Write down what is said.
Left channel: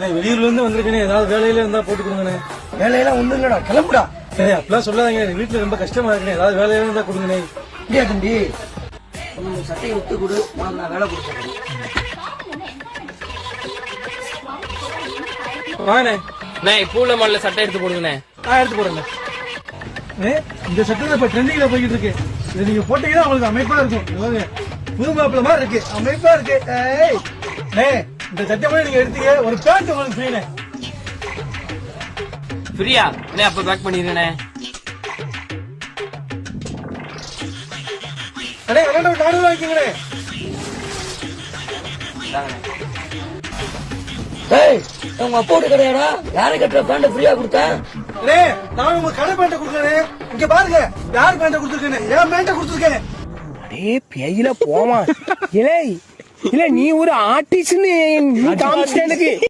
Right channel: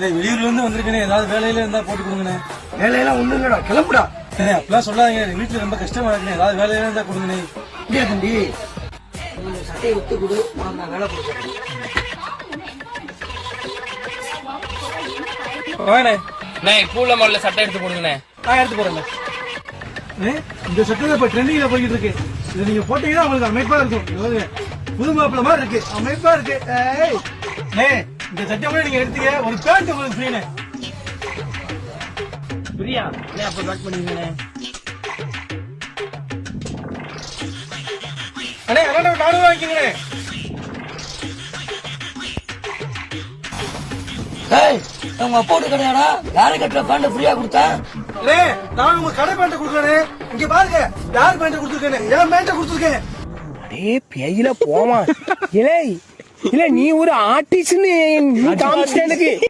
வெளியூர்ல இருந்து வந்திருக்கேன், ஏதாவது வேலையில இருந்தா போட்டு கொடுங்கண்ணே. வேலையெல்லாம் ஒண்ணும் இல்லடா, கிளம்புடா. அப்படிலாம் சொல்லாதீங்க, வீட்டுல ரொம்ப கஷ்டமா இருக்குண்ணே, ஏதாவது வேலையில இருந்தா கொடுங்கண்ணே. இங்கே இருக்குண்டி, நீ சட்டையை விட்டு கொடு, நான் வேலை கொடுக்குறேன். வாங்கண்ணே. பூல மாடல சட்டை எடுத்து போடுங்கண்ணே. எடுத்து போடுங்க. இந்த சட்டை இப்ப ட்ரெண்டிங்ல போயிட்டு இருக்கு, இது நீங்க போட்டீங்கன்னா உங்களுக்கு அமைப்பா இருக்கும். புது மாப்பிள்ள மாதிரி இருக்கு, அமைப்பா இருக்கு. இந்த சட்டை கூட நீங்க எடுத்துக்க, ஒரு பேண்ட் உங்களுக்கு ஃப்ரீண்ணே. ஃப்ரீயா? அப்ப பேக் பண்ணிடுறேண்ணே. அண்ணே நானும் வாங்கிக்கிறேன். உங்க அப்போட்டு கிடையாடா, யாரை கட்டுற பேண்ட் ஃப்ரீயா கொடுத்தேன். நான் உங்க கடை பேண்ட கொடுக்குறேன். இங்க பாருங்க, யார் பேண்ட கொடுத்துருக்கேன், என் பேண்ட கொடுத்துருக்கேன். அடே பேயில போமா. இல்ல நீ ஒரு ஆர்டிஸ்ட் காமிச்சிட்ட எனக்கு.